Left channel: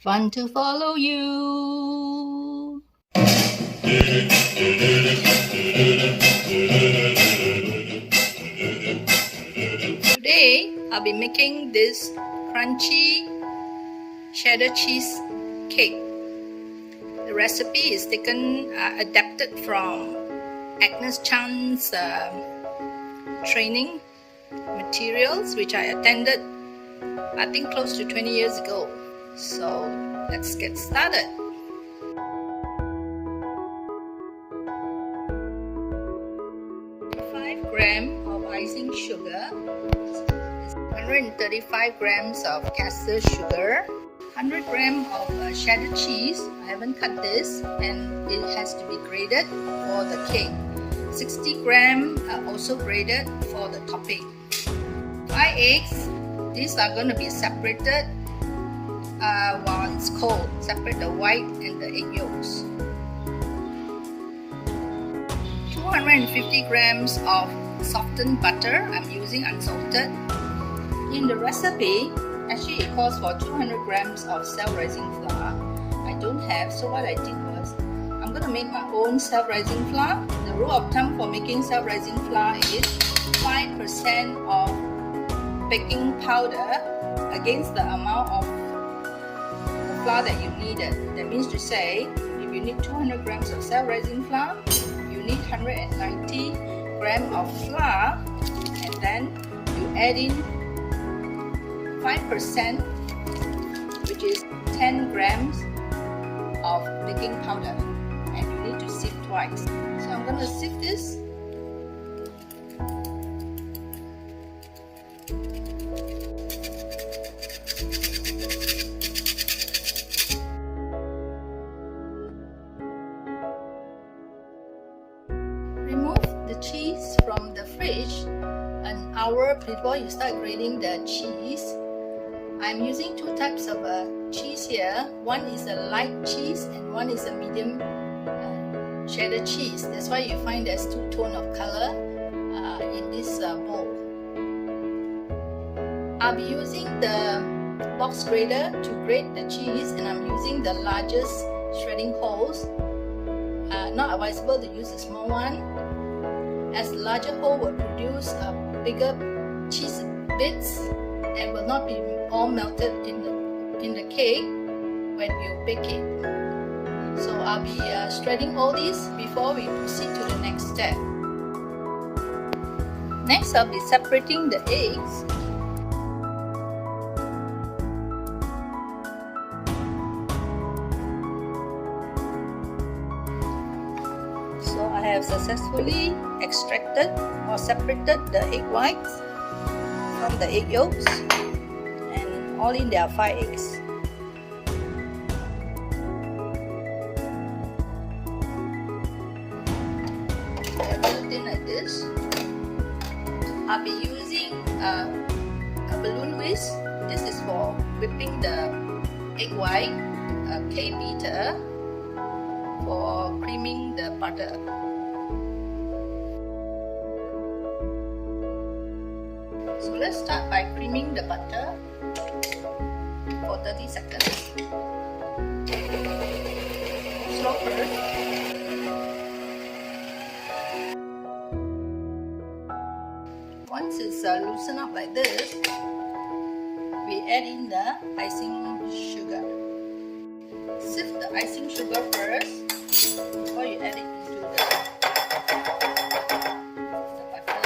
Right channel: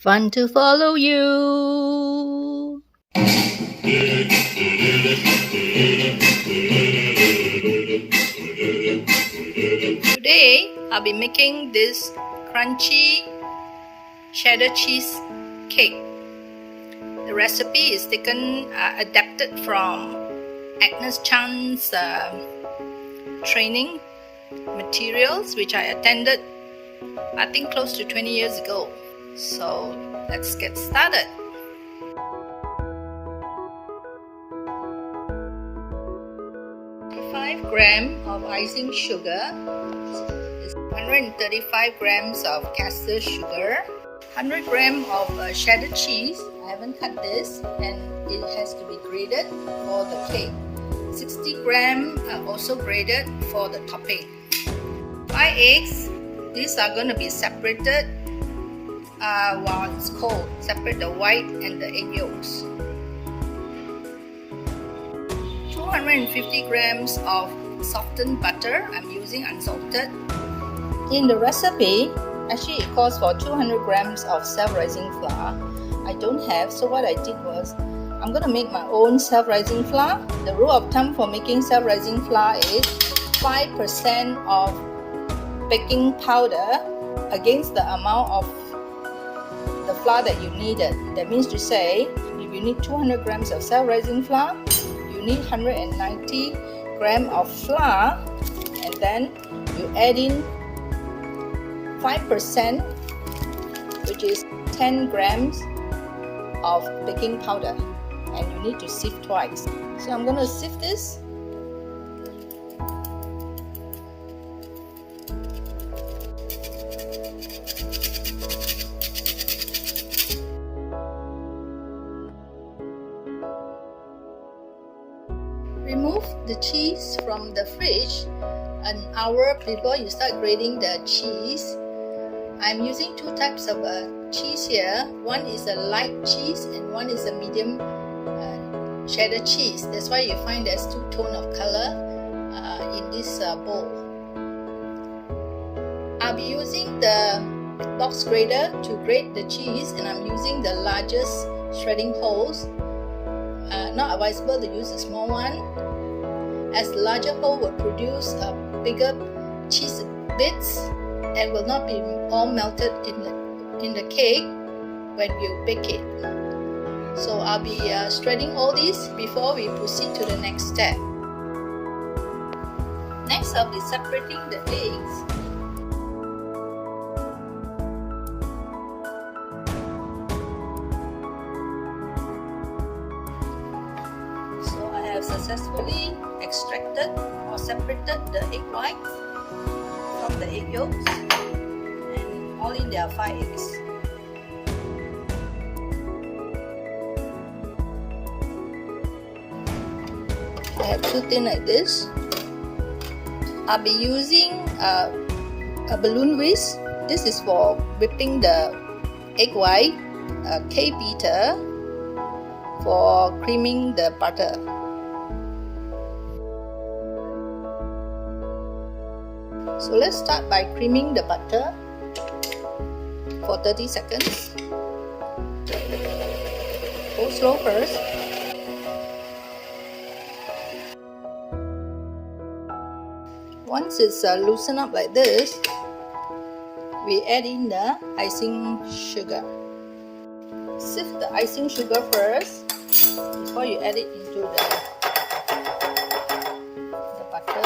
Fun to follow you. Today, I'll be making this crunchy cheddar cheese cake. The recipe is adapted from Agnes Chang's training materials, which I attended, I think, close to 20 years ago. So let's get started. Grams of icing sugar, 135 grams of castor sugar, 100 grams of cheddar cheese. I haven't cut this, and it has to be grated for the cake. 60 grams also grated for the topping. 5 eggs. These are going to be separated while it's cold. Separate the white and the egg yolks. 250 grams of softened butter. I'm using unsalted. In the recipe, actually it calls for 200 grams of self-rising flour. I don't have, so what I did was I'm going to make my own self-rising flour. The rule of thumb for making self-rising flour is 5% of baking powder against the amount of the flour that you needed. That means to say, if you need 200 grams of self-rising flour, you need 190 grams of flour, and then you add in 5%, which is 10 grams of baking powder, and you need to sift twice. So I'm going to sift this. Remove the cheese from the fridge an hour before you start grating the cheese. I'm using two types of cheese here. One is a light cheese and one is a medium cheddar cheese. That's why you find there's two tones of color in this bowl. I'll be using the box grater to grate the cheese, and I'm using the largest shredding holes. Not advisable to use a small one, as the larger hole will produce bigger cheese bits and will not be all melted in the cake when you bake it. So I'll be shredding all these before we proceed to the next step. Next, I'll be separating the eggs. So I have successfully extracted or separated the egg whites from the egg yolks, and all in there are 5 eggs. I have two thin like this. I'll be using a balloon whisk. This is for whipping the egg white, a K beater for creaming the butter. So let's start by creaming the butter for 30 seconds. Go slow first. Once it's loosened up like this, we add in the icing sugar. Sift the icing sugar first before you add it into the butter.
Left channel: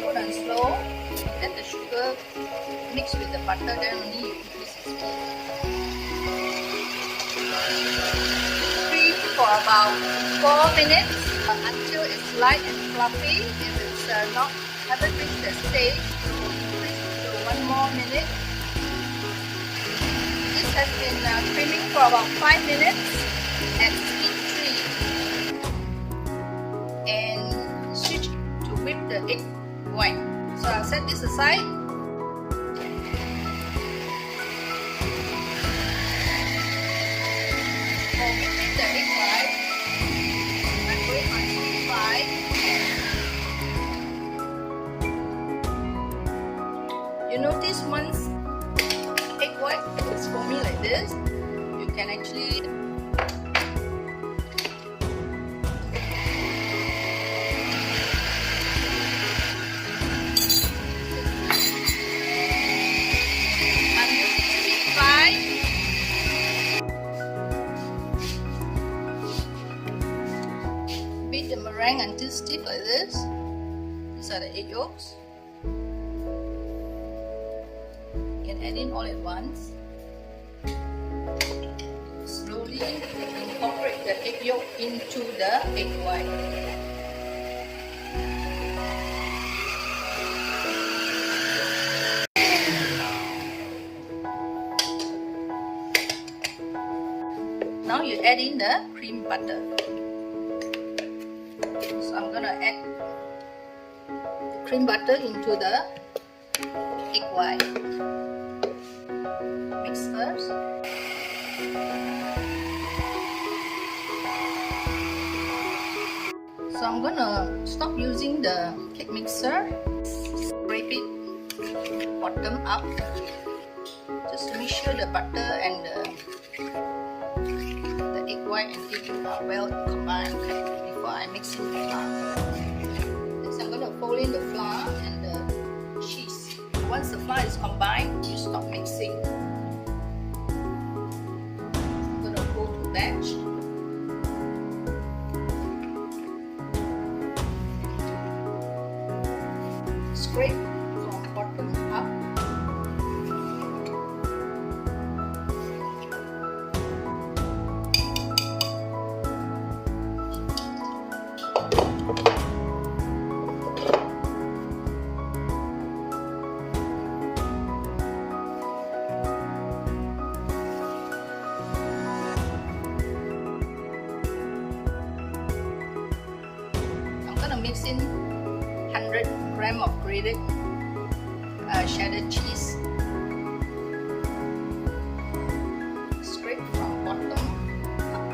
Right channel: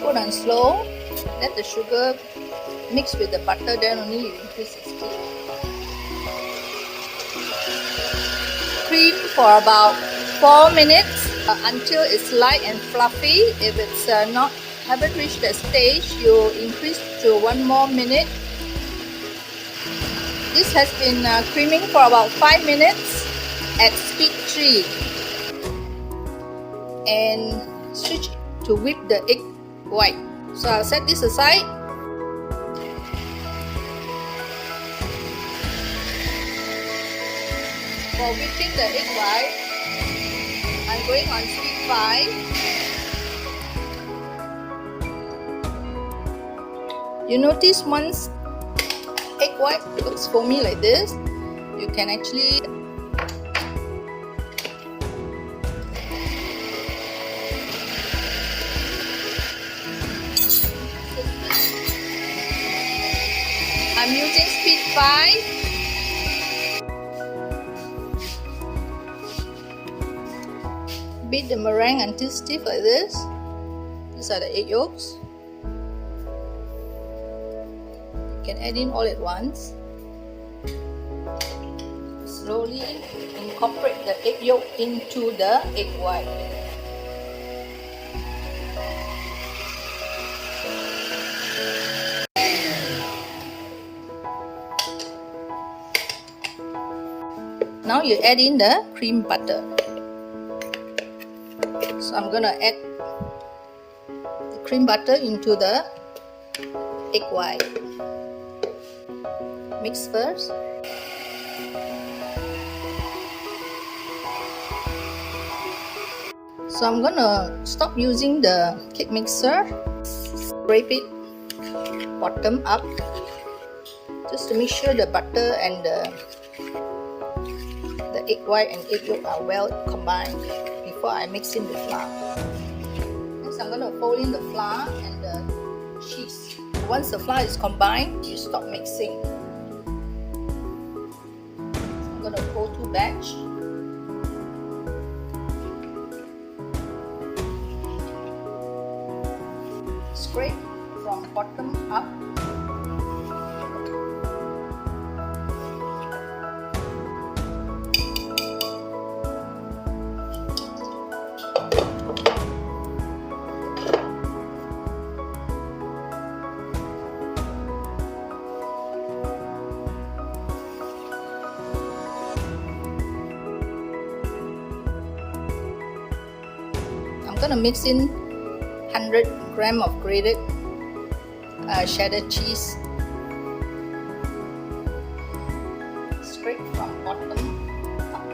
Put on slow, let the sugar mix with the butter, then only you increase the speed. Cream for about 4 minutes until it's light and fluffy. If it's haven't reached that stage, you increase to 1 more minute. This has been creaming for about 5 minutes at speed 3, and switch to whip the egg white. So I'll set this aside. For whipping the egg white, I'm going on speed 5. You notice once egg white looks foamy like this, you can actually I'm using speed 5. Beat the meringue until stiff like this. These are the egg yolks. You can add in all at once. Slowly incorporate the egg yolk into the egg white. Now you add in the cream butter. So I'm gonna add the cream butter into the egg white. Mix first. So I'm gonna stop using the cake mixer. Scrape it bottom up just to make sure the butter and the egg white and egg yolk are well combined before I mix in the flour. Next I'm going to fold in the flour and the cheese. Once the flour is combined, you stop mixing. I'm going to go to batch. Scrape from bottom up. I'm gonna mix in 100 grams of grated cheddar cheese. Scrape from bottom up.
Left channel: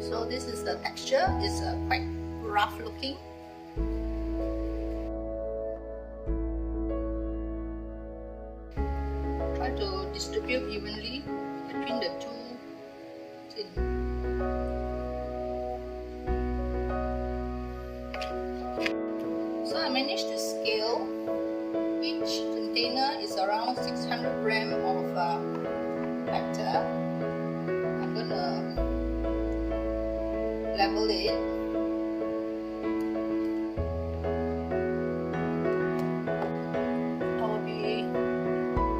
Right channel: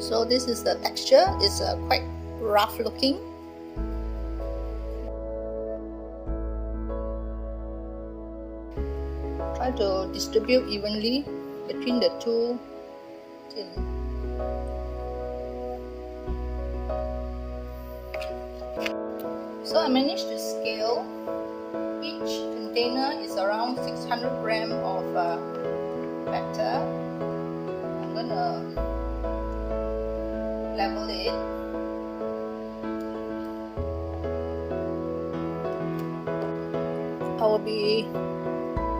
So this is the texture. It's quite rough looking. Try to distribute evenly between the two tin. So I managed to scale. Each container is around 600 grams of batter. I'm gonna level it. I will be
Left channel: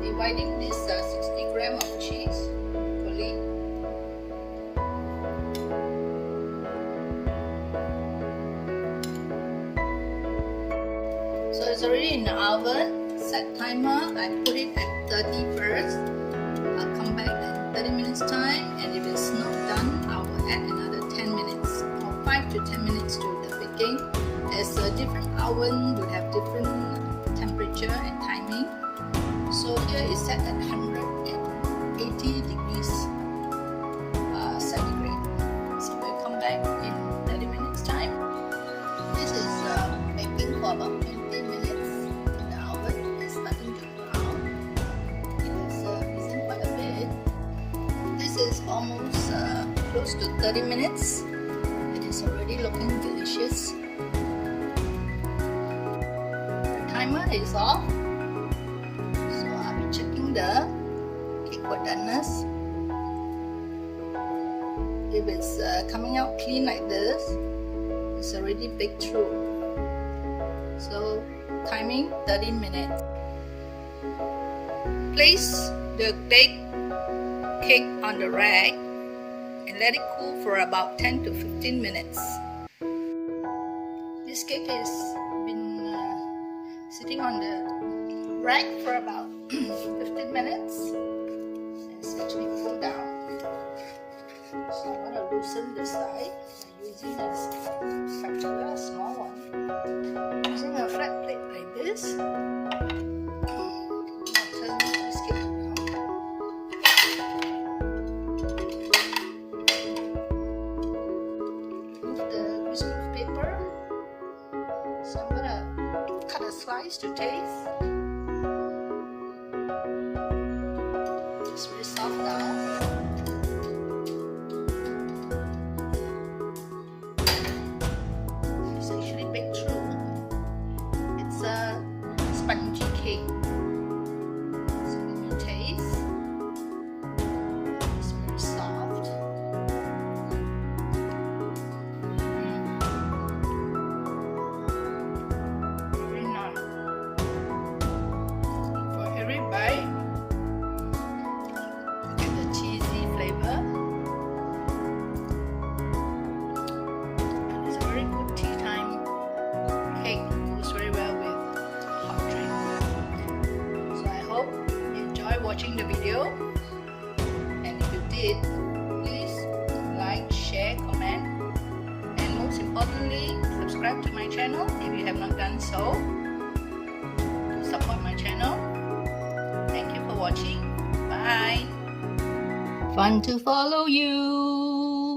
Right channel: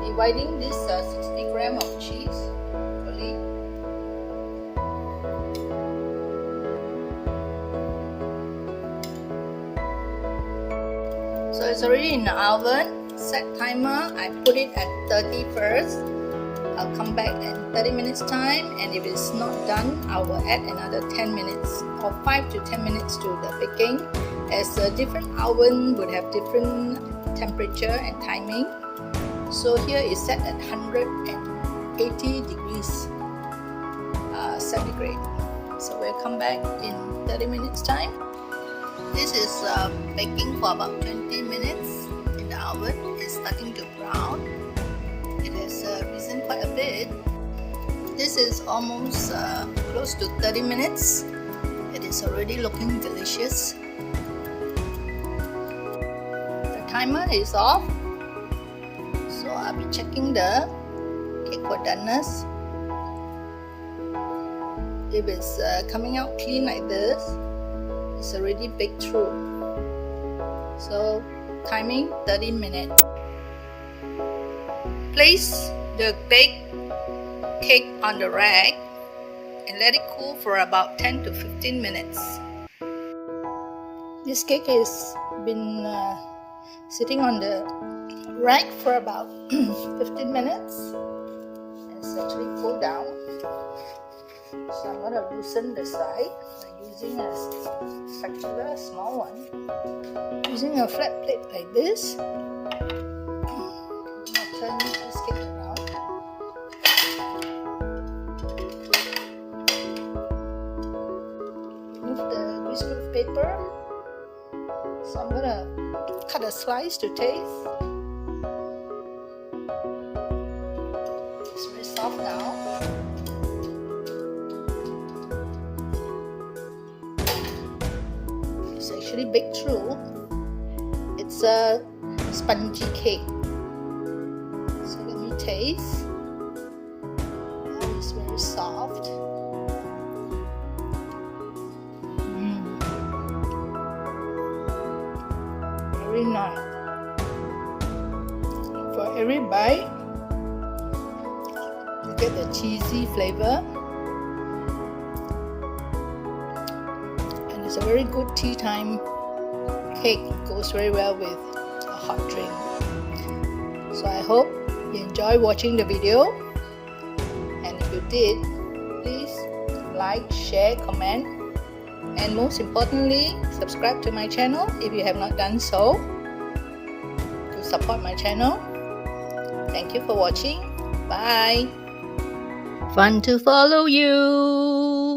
dividing this 60 grams of cheese fully. So it's already in the oven. Set timer, I put it at 30 first. I'll come back in 30 minutes time, and if it's not done, I will add another 10 minutes or 5 to 10 minutes to the baking, as a different oven would have different temperature and timing. So here is set at 180 degrees centigrade. So we'll come back in 30 minutes time. This is baking for about 20 minutes in the oven. It's starting to brown. It has risen quite a bit. This is almost close to 30 minutes. It is already looking delicious. The timer is off. So I'll be checking the cake for doneness. If it's coming out clean like this, it's already baked through. So timing 30 minutes. Place the baked cake on the rack and let it cool for about 10 to 15 minutes. This cake has been sitting on the rack for about 15 minutes. It's actually pulled down. So I'm going to loosen the side by using a spatula, a small one. Using a flat plate like this, I'm going to turn this cake around. juice to taste. It's very soft now. It's actually baked through. It's a spongy cake. So let me taste. It's very soft. Very nice. For every bite, you get the cheesy flavor. And it's a very good tea time cake. It goes very well with a hot drink. So I hope you enjoy watching the video. And if you did, please like, share, comment, and most importantly, subscribe to my channel if you have not done so, to support my channel. Thank you for watching. Bye. Fun to follow you.